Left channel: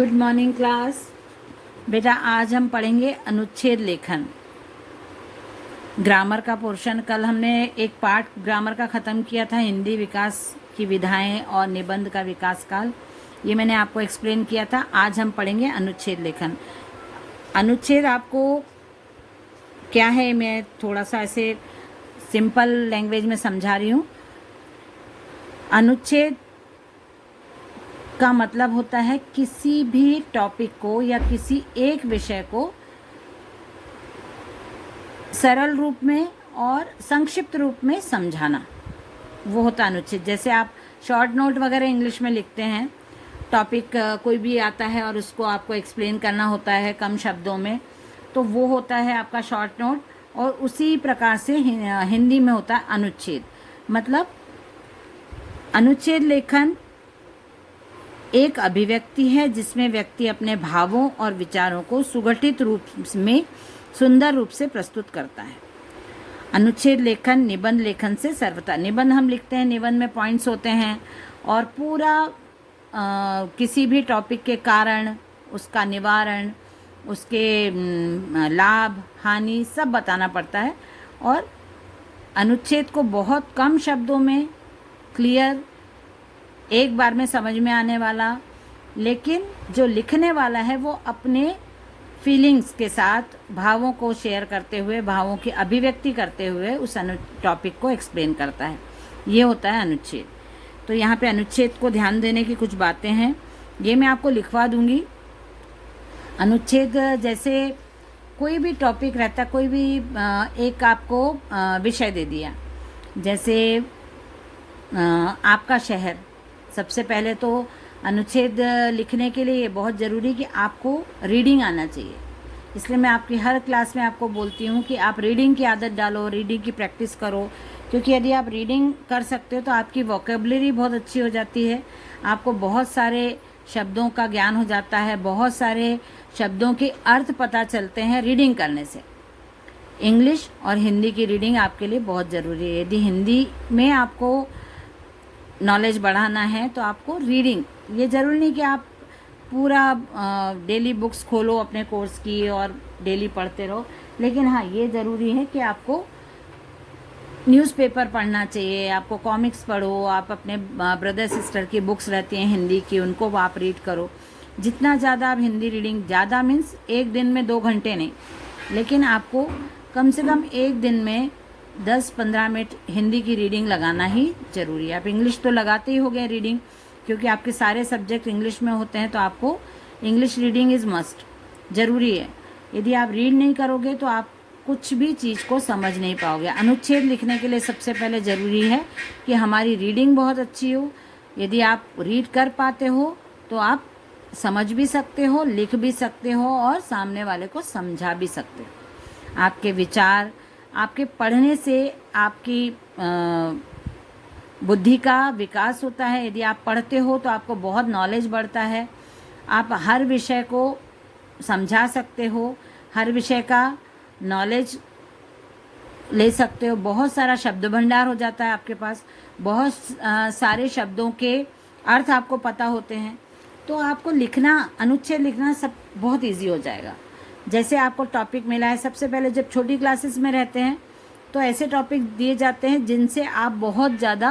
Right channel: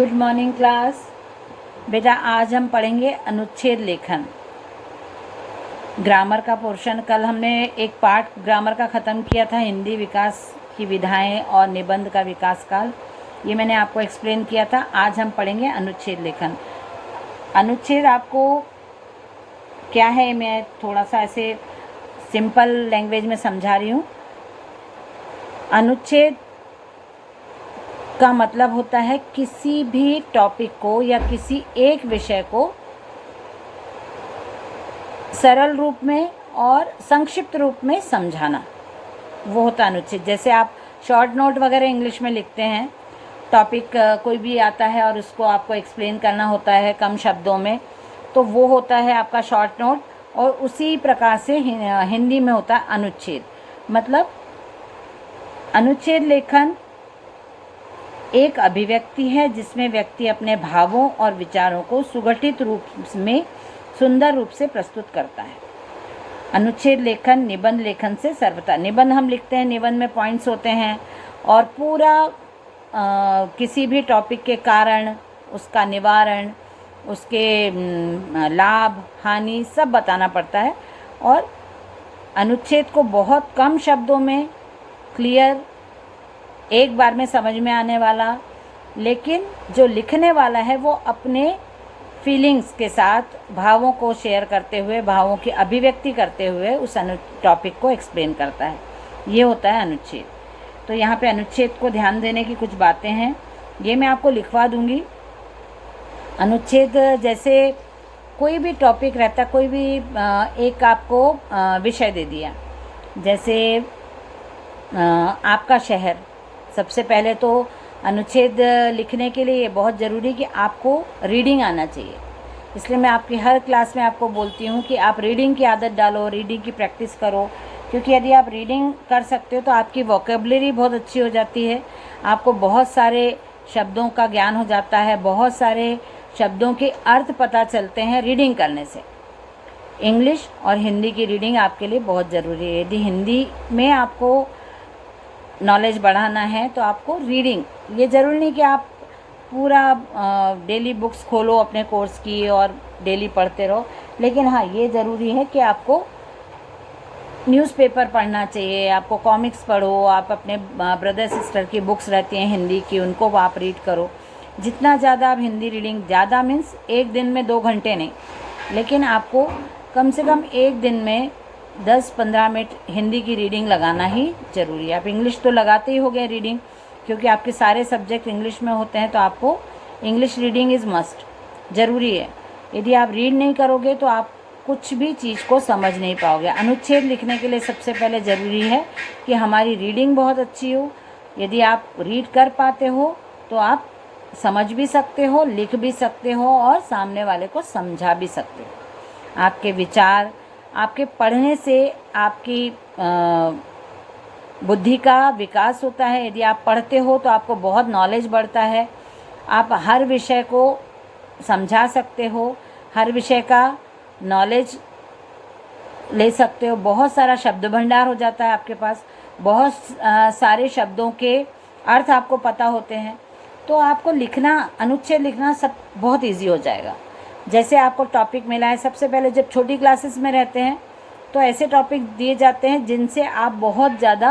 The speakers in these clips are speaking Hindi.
Good morning class. बेटा आज हम पढ़ेंगे अनुच्छेद लेखन, ग्रामर का पोर्शन। कल हमने एक पार्ट ग्रामर का ख़त्म किया था, हिंदी विकास की विधाएं और निबंध का विकास काल, ये मैंने आपको एक्सप्लेन किया था। आज हम पढ़ेंगे अनुच्छेद लेखन। अनुच्छेद आपको क्या है, मैं थोड़ा सा ऐसे सिंपल लैंग्वेज में समझा रही हूँ। अनुच्छेद का मतलब होता है किसी भी टॉपिक को या किसी एक विषय को सरल रूप में और संक्षिप्त रूप में समझाना, वो होता है अनुच्छेद। जैसे आप शॉर्ट नोट वगैरह इंग्लिश में लिखते हैं, टॉपिक कोई भी आता है और उसको आपको एक्सप्लेन करना होता है कम शब्दों में, तो वो होता है आपका शॉर्ट नोट। और उसी प्रकार से हिंदी में होता है अनुच्छेद। मतलब अनुच्छेद लेखन एक अभिव्यक्ति है जिसमें व्यक्ति अपने भावों और विचारों को सुगठित रूप में सुंदर रूप से प्रस्तुत करता है। अनुच्छेद लेखन निबंध लेखन से सर्वथा, निबंध हम लिखते हैं, निबंध में पॉइंट्स होते हैं और पूरा किसी भी टॉपिक के कारण, उसका निवारण, उसके लाभ हानि सब बताना पड़ता है। और अनुच्छेद को बहुत कम शब्दों में क्लियर, एक बार में समझ में आने वाला, लेकिन जो लिखने वाला है वो अपने फीलिंग्स के साथ भावों को शेयर करते हुए, भावों की अभिव्यक्ति करते हुए उस टॉपिक को एक्सप्लेन करता है। ये होता है अनुच्छेद। तो यहाँ पे अनुच्छेद को ध्यान देने की कुछ बातें हैं, ये मैं आपको लिखवा दूंगी। अनुच्छेद जैसे कोई भी टॉपिक रहता, कोई भी एक आपको विषय दे दिया, जैसे आपका शहर। सबसे पहले तो अनुच्छेद लिखने के लिए बहुत ज़रूरी कि आपको रीडिंग आना चाहिए। इसलिए मैं आपकी हर क्लास में आपको बोलती हूँ कि आप रीडिंग की आदत डालो, रीडिंग की प्रैक्टिस करो, क्योंकि यदि आप रीडिंग कर सकते हो तो आपकी वोकेबलरी बहुत अच्छी हो जाती है, आपको बहुत सारे शब्दों का ज्ञान हो जाता है, बहुत सारे शब्दों के अर्थ पता चलते हैं रीडिंग करने से। इंग्लिश और हिंदी की रीडिंग आपके लिए बहुत ज़रूरी है। यदि हिंदी में आपको नॉलेज बढ़ाना है तो आपको रीडिंग, ये ज़रूरी नहीं कि आप पूरा डेली बुक्स खोलो अपने कोर्स की और डेली पढ़ते रहो, लेकिन हाँ ये ज़रूरी है कि आपको न्यूज़पेपर पढ़ना चाहिए, आपको कॉमिक्स पढ़ो, आप अपने ब्रदर सिस्टर की बुक्स रहती हैं हिंदी की, उनको आप रीड करो। जितना ज़्यादा आप हिंदी रीडिंग, ज़्यादा मीन्स एक दिन में 2 घंटे नहीं, लेकिन आपको कम से कम एक दिन में 10-15 मिनट हिंदी की रीडिंग लगाना ही ज़रूरी है। आप इंग्लिश तो लगाते ही हो गए रीडिंग, क्योंकि आपके सारे सब्जेक्ट इंग्लिश में होते हैं, तो आपको इंग्लिश रीडिंग इज़ मस्ट, ज़रूरी है। यदि आप रीड नहीं करोगे तो आप कुछ भी चीज़ को समझ नहीं पाओगे। अनुच्छेद लिखने के लिए सबसे पहले ज़रूरी है कि हमारी रीडिंग बहुत अच्छी हो। यदि आप रीड कर पाते हो तो आप समझ भी सकते हो, लिख भी सकते हो और सामने वाले को समझा भी सकते हो। आपके विचार, आपके पढ़ने से आपकी बुद्धि का विकास होता है। यदि आप पढ़ते हो तो आपको बहुत नॉलेज बढ़ता है, आप हर विषय को समझा सकते हो, हर विषय का नॉलेज ले सकते हो, बहुत सारा शब्द भंडार हो जाता है आपके पास, बहुत सारे शब्दों के अर्थ आपको पता होते हैं, तो आपको लिखना, अनुच्छेद लिखना सब बहुत इजी हो जाएगा। जैसे आपको टॉपिक मिला है, सबसे पहले जब छोटी क्लासेस में रहते हैं तो ऐसे टॉपिक दिए जाते हैं जिनसे आप बहुत ज़्यादा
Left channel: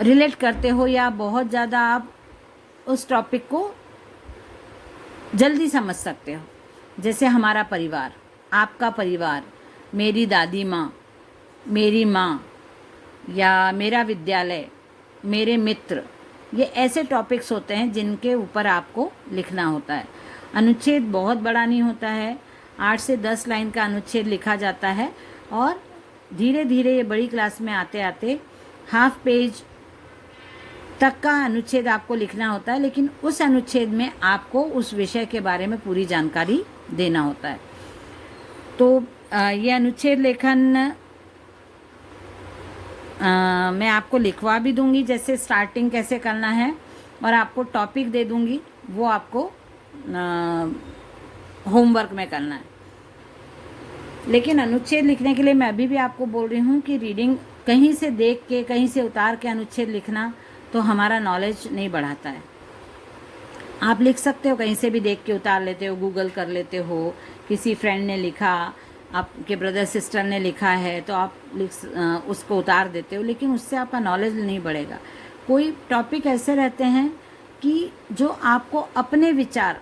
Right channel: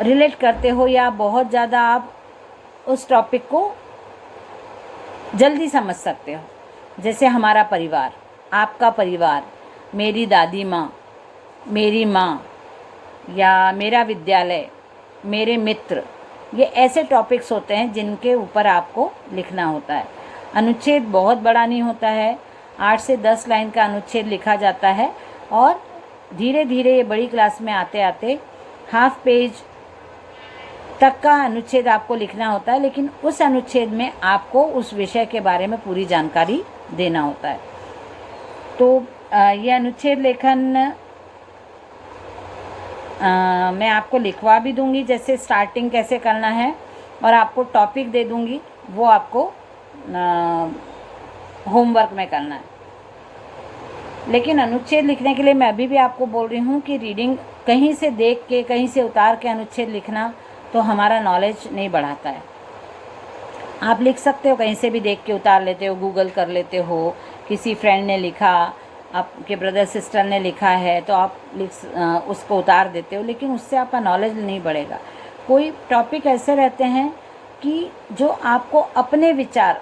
रिलेट करते हो, या बहुत ज़्यादा आप उस टॉपिक को जल्दी समझ सकते हो। जैसे हमारा परिवार, आपका परिवार, मेरी दादी माँ, मेरी माँ, या मेरा विद्यालय, मेरे मित्र, ये ऐसे टॉपिक्स होते हैं जिनके ऊपर आपको लिखना होता है। अनुच्छेद बहुत बड़ा नहीं होता है, 8 से 10 लाइन का अनुच्छेद लिखा जाता है और धीरे धीरे ये बड़ी क्लास में आते आते हाफ पेज तक का अनुच्छेद आपको लिखना होता है, लेकिन उस अनुच्छेद में आपको उस विषय के बारे में पूरी जानकारी देना होता है। तो ये अनुच्छेद लेखन मैं आपको लिखवा भी दूंगी, जैसे स्टार्टिंग कैसे करना है, और आपको टॉपिक दे दूंगी, वो आपको होमवर्क में करना है। लेकिन अनुच्छेद लिखने के लिए मैं अभी भी आपको बोल रही हूँ कि रीडिंग कहीं से देख के, कहीं से उतार के अनुच्छेद लिखना तो हमारा नॉलेज नहीं बढ़ाता है। आप लिख सकते हो, कहीं से भी देख के उतार लेते हो, गूगल कर लेते हो, किसी फ्रेंड ने लिखा, आपके ब्रदर सिस्टर ने लिखा है तो आप उसको उतार देते हो, लेकिन उससे आपका नॉलेज नहीं बढ़ेगा। कोई टॉपिक ऐसे रहते हैं कि जो आपको अपने विचार,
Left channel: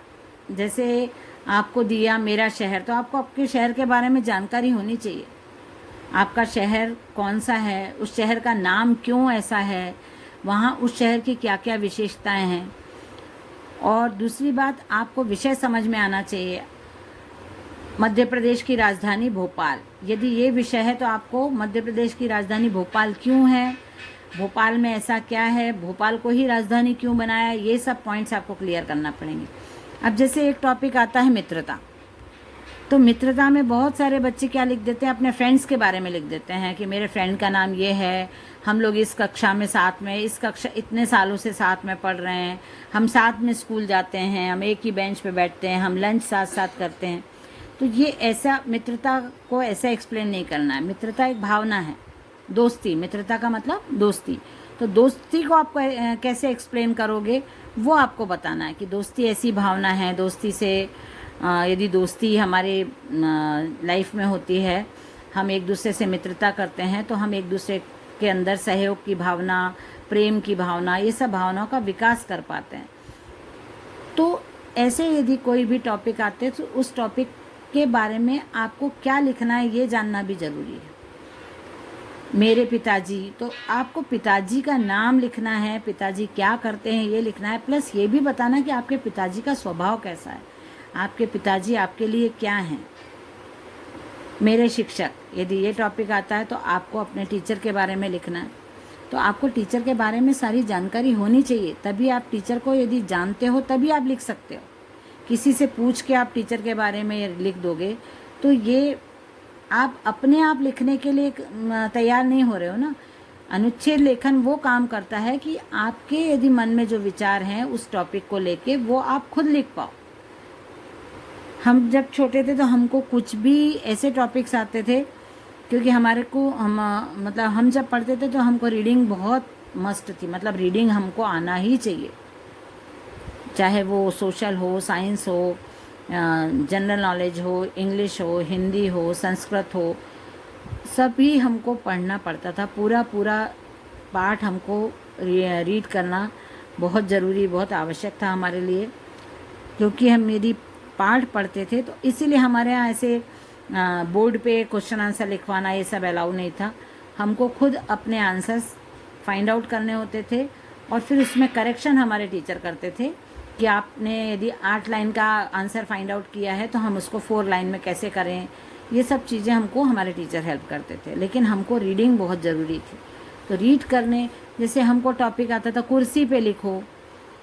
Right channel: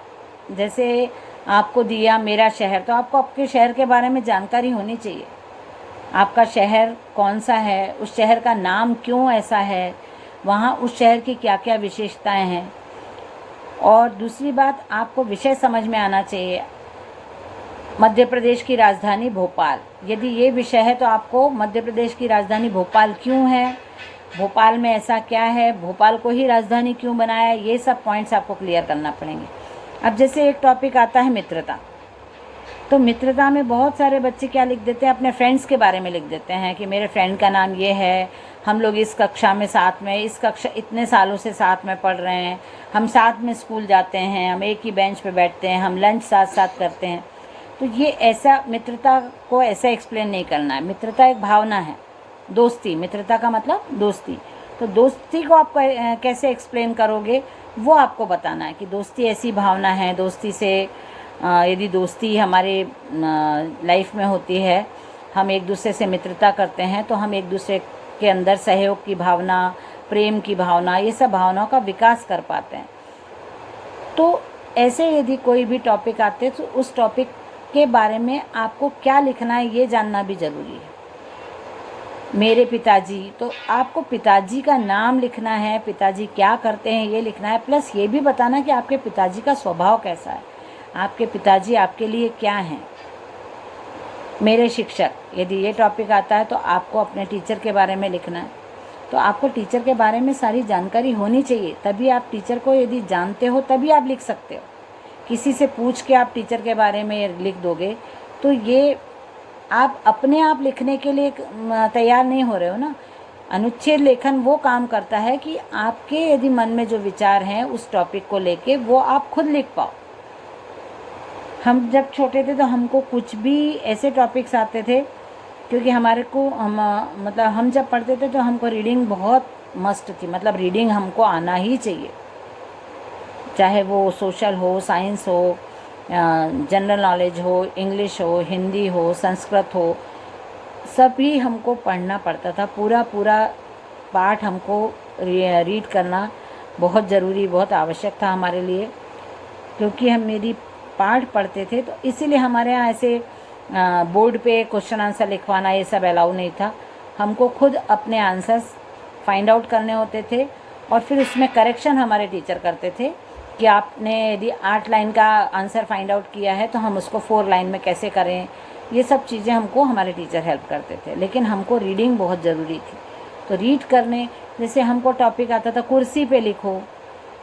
जैसे आपको दिया मेरा शहर, तो आपको आपके शहर के बारे में जानकारी होनी चाहिए। आपका शहर कौन सा है, उस शहर का नाम क्यों ऐसा है, वहाँ उस शहर की क्या क्या विशेषताएं हैं। और दूसरी बात, आपको विषय समझ में आना चाहिए। मध्य प्रदेश की राजधानी भोपाल, यदि ये विषय है तो आपको मध्य प्रदेश की राजधानी भोपाल क्यों है, भोपाल में ऐसा क्या है, भोपाल को ही राजधानी क्यों बनाया, ये सब पॉइंट्स आपको क्लियर करना पड़ेंगे। अब जैसे एक टॉपिक आता है मित्रता, तो मित्रता में बहुत सारे बच्चे क्या लिख देते हैं, अपने फ्रेंड्स के बारे में लिख देते हैं कि मेरे फ्रेंड का नाम ये है, हम लोग इस कक्षा में साथ में, इस कक्षा इतने सालों से साथ में पढ़ रहे हैं, हम साथ में स्कूल जाते हैं, हम एक ही बेंच पे बैठते हैं, हम लंच साथ साथ करते हैं। तो ये ऐसा, मित्रता को ऐसा एक्सप्लेन नहीं करना है। मित्रता एक भावना है, दोस्ती, मित्रता का मतलब दोस्ती। तो दोस्ती को आप कैसे एक्सप्लेन करोगे, वो आपको बताना है कि दोस्ती ऐसी भावना है। दोस्ती से यदि दोस्ती हमारे लाइफ में होती है, हम एक दूसरे से मित्रता करते हैं, तो हम एक दूसरे के अंदर सहयोग की भावना, प्रेम की भावना, ये सब भावनाओं का विकास कर पाते हैं। तो ऐसे यदि कोई भी टॉपिक आते हैं तो उस टॉपिक के बारे में आपको क्या लिखना है ये जानना भी ज़रूरी है। मेरे पिताजी, तो आपको पिताजी का नाम लिखना है, पिताजी क्या करते हैं ये लिखना है, प्लस ये भी बताना कि आपके पिताजी का स्वभाव कैसा है, आपके पिताजी आपके लिए क्या हैं। मेरे शिक्षक, यदि ये टॉपिक आता है तो आपको अपने टीचर के बारे में लिखना है। तो आपको टीचर के बारे में सारी जानकारी होनी चाहिए, तभी आप टीचर को यदि जानते हो तभी आप लिख सकते हो। किसी से पूछ के आप टीचर के बारे में लिख दोगे तो ये आप अपने आप लिखने के लिए तैयार नहीं हो रहे हो ना। अनुच्छेद लेखन वो काम करता है कि आपके यदि मन में जो विचार हैं उस टॉपिक को लेके वो आप खुद लिख पाओ। हम जब छोटे थे तो हमको कुछ भी ऐसे टॉपिक्स आते थे, क्योंकि हमारे को मतलब हम जब पढ़ते थे तो हमको रीडिंग बहुत मस्ट थी, मतलब रीडिंग हमको आना ही चाहिए, चाहे वो सोशल हो, साइंस हो, जनरल नॉलेज हो, इंग्लिश हो, हिंदी हो, संस्कृत हो, सभी हमको पढ़ना पड़ता था। पूरा पूरा पाठ हमको रीड करना बहुत ज़रूरी, बहुत आवश्यक था हमारे लिए, क्योंकि हम यदि पाठ पढ़ते थे तो इसीलिए हमारे यहाँ ऐसे बोर्ड पे क्वेश्चन आंसर लिखवाना ये सब अलाउ नहीं था। हमको खुद अपने आंसर्स फाइंड आउट करने होते थे और फिर उसमें करेक्शन हमारे टीचर करते थे कि आपने यदि 8 लाइन का आंसर फाइंड आउट किया है तो हम उसको 4 लाइन में कैसे करें, ये सब चीज़ें हमको हमारे टीचर हेल्प करते थे। लेकिन हमको रीडिंग बहुत ज़रूरी थी, तो रीड करने, जैसे हमको टॉपिक आता था कुर्सी पे लिखो,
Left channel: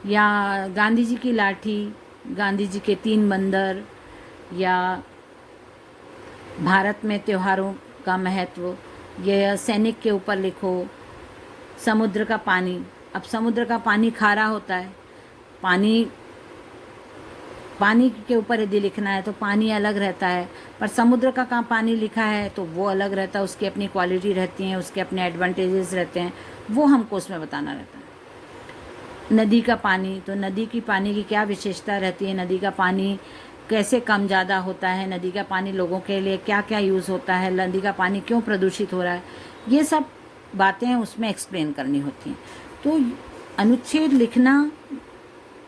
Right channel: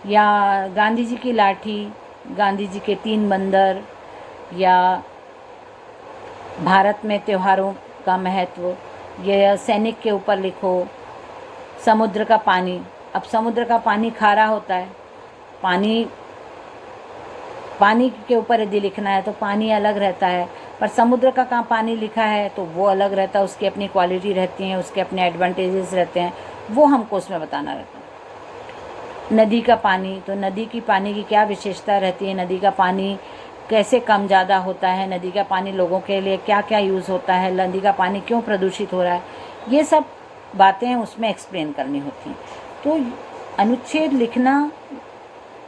या गांधी जी की लाठी, गांधी जी के 3 बंदर, या भारत में त्योहारों का महत्व, ये सैनिक के ऊपर लिखो, समुद्र का पानी। अब समुद्र का पानी खारा होता है, पानी के ऊपर यदि लिखना है तो पानी अलग रहता है, पर समुद्र का कहाँ पानी लिखा है तो वो अलग रहता है, उसकी अपनी क्वालिटी रहती हैं, उसके अपने एडवांटेजेस रहते हैं, वो हमको उसमें बताना रहता है। नदी का पानी, तो नदी की पानी की क्या विशेषता रहती है, नदी का पानी कैसे कम ज़्यादा होता है, नदी का पानी लोगों के लिए क्या क्या यूज़ होता है, नदी का पानी क्यों प्रदूषित हो रहा है, ये सब बातें उसमें एक्सप्लेन करनी होती हैं। तो अनुच्छेद लिखना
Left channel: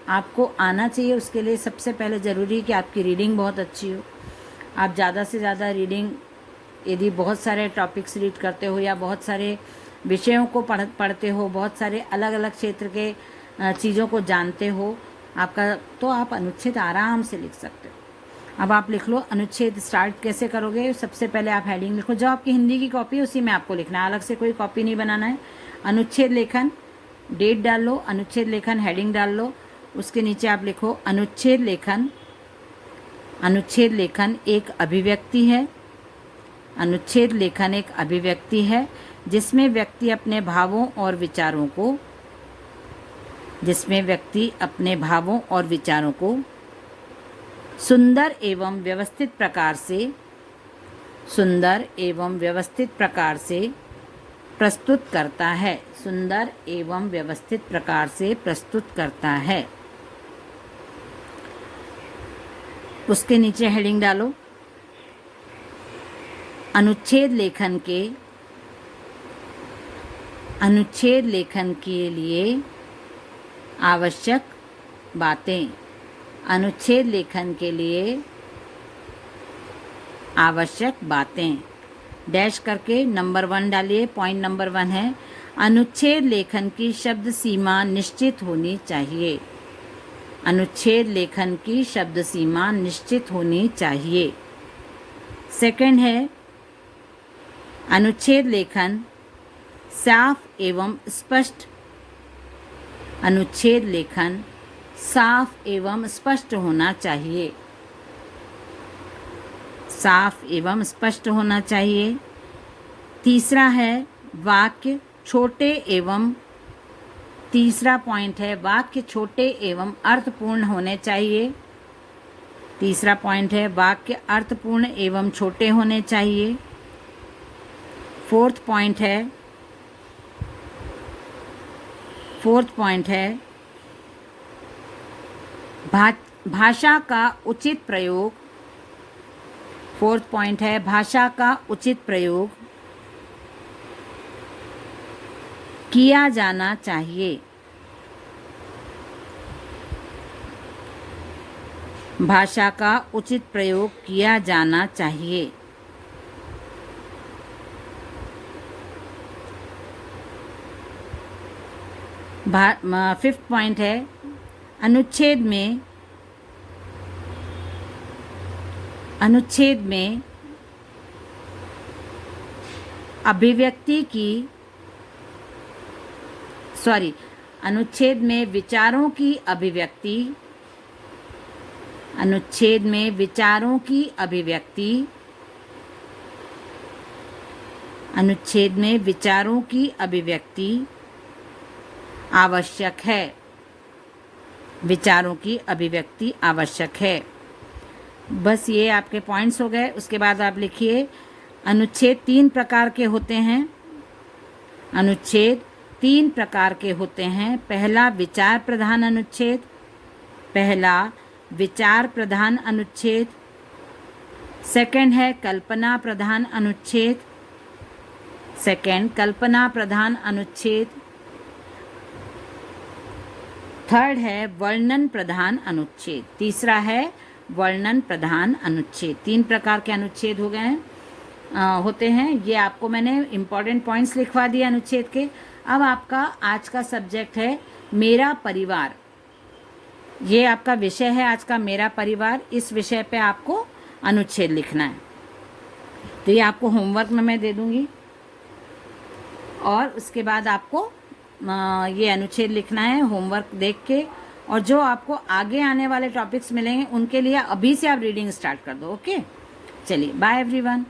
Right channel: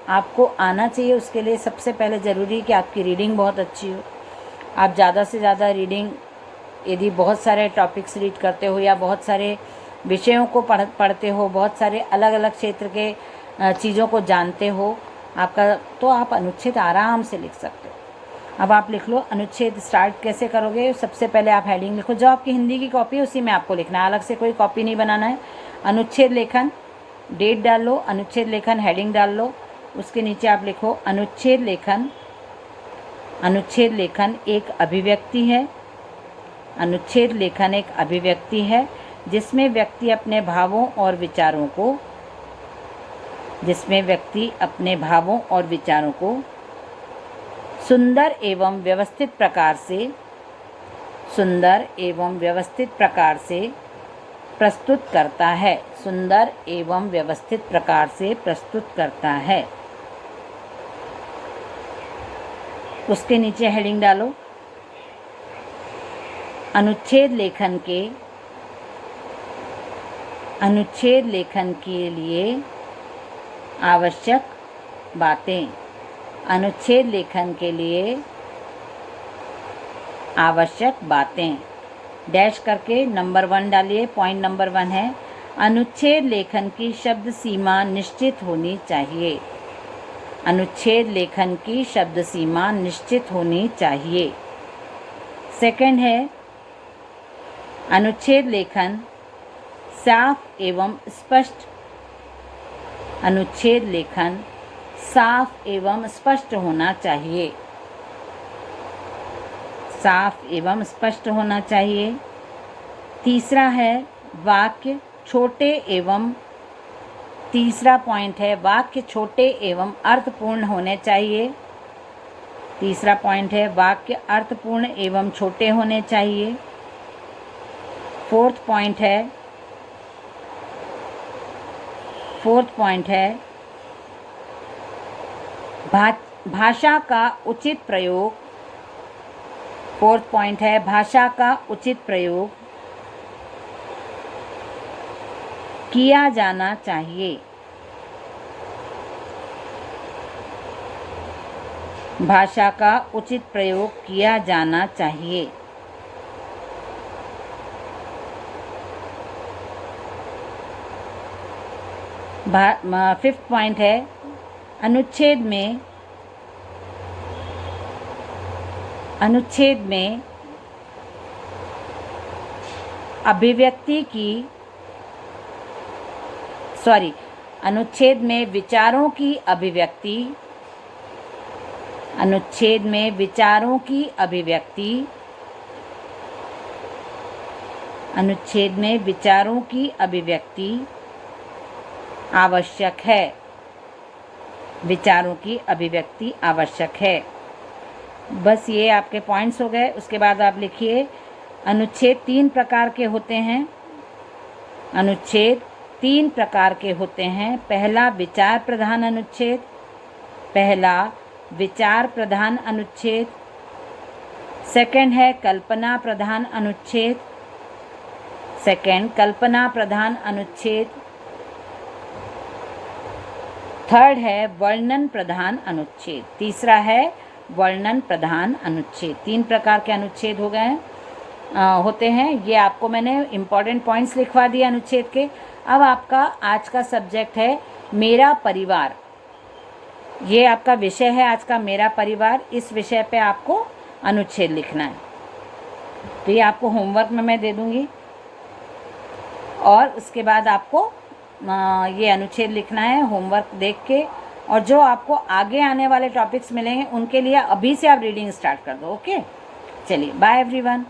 आपको आना चाहिए। उसके लिए सबसे पहले ज़रूरी है कि आपकी रीडिंग बहुत अच्छी हो। आप ज़्यादा से ज़्यादा रीडिंग, यदि बहुत सारे टॉपिक्स रीड करते हो या बहुत सारे विषयों को पढ़ते हो, बहुत सारे अलग अलग क्षेत्र के चीज़ों को जानते हो आपका, तो आप अनुच्छेद आराम से लिख सकते हो। अब आप लिख लो, अनुच्छेद स्टार्ट कैसे करोगे, सबसे पहले आप हेडिंग लिखो, जो आपकी हिंदी की कॉपी है उसी में आपको लिखना है, अलग से कोई कॉपी नहीं बनाना है। अनुच्छेद लेखन, डेट डाल लो, अनुच्छेद लेखन हेडिंग डाल लो, उसके नीचे आप लिखो अनुच्छेद लेखन। अनुच्छेद लेखन एक अभिव्यक्ति है, अनुच्छेद लेखन एक अभिव्यक्ति है जिसमें व्यक्ति अपने भावों और विचारों को सुंदर एवं व्यवस्थित प्रकार से प्रस्तुत करता है। सुंदर एवं व्यवस्थित प्रकार से प्रस्तुत करता है। उसके नीचे हेडिंग डालो अनुच्छेद लेखन के लिए आवश्यक बातें। अनुच्छेद लेखन के लिए आवश्यक बातें डैश करके नंबर 1 डालिए। पॉइंट नंबर 1 है अनुच्छेद लेखन की शब्द सीमा निश्चित होनी चाहिए। अनुच्छेद लेखन की शब्द सीमा निश्चित होनी चाहिए। सेकंड है अनुच्छेद लेखन साफ एवं स्पष्ट। अनुच्छेद लेखन साफ एवं स्पष्ट होना चाहिए। साफ एवं स्पष्ट होना चाहिए। तीसरा है वाक्य छोटे एवं तीसरा पॉइंट है वाक्य छोटे एवं अर्थपूर्ण होने चाहिए। तीसरा पॉइंट है वाक्य अर्थपूर्ण एवं छोटे होने चाहिए। फोर्थ पॉइंट है भाषा का उचित प्रयोग। फोर्थ पॉइंट है भाषा का उचित प्रयोग किया जाना चाहिए। भाषा का उचित प्रयोग किया जाना चाहिए। फिफ्थ पॉइंट है अनुच्छेद में अनुच्छेद में विचारों की अभिव्यक्ति। अनुच्छेद में विचारों की अभिव्यक्ति। अनुच्छेद में विचारों की अभिव्यक्ति आवश्यक है। विचारों की अभिव्यक्ति आवश्यक है। बस ये आपके पॉइंट्स हो गए। उसके बाद आप लिखिए अनुच्छेद 3 प्रकार के होते हैं। अनुच्छेद 3 प्रकार के होते हैं। पहला विचार प्रधान अनुच्छेद। पहला विचार प्रधान अनुच्छेद। सेकंड है कल्पना प्रधान अनुच्छेद। सेकंड कल्पना प्रधान अनुच्छेद। थर्ड है वर्णन प्रधान अनुच्छेद। तीसरा है वर्णन प्रधान अनुच्छेद। 3 प्रकार के अनुच्छेद हो गए होते हैं। ये आपको मैंने इम्पॉर्टेंट पॉइंट्स लिखवा दिए अनुच्छेद के। अब आपका आज का सब्जेक्ट है मेरा परिवार। ये आपका विषय है आज का मेरा परिवार। इस विषय पे आपको अनुच्छेद लिखना है। तो ये आपको होमवर्क में मैं दे दूँगी और उसके बाद आपको ये अनुच्छेद लिखना है होमवर्क देख के। और जो आपको आगे आने वाले टॉपिक्स मिलेंगे उनके लिए अभी से आप रीडिंग स्टार्ट कर दो। ओके, चलिए बाय एवरीवन।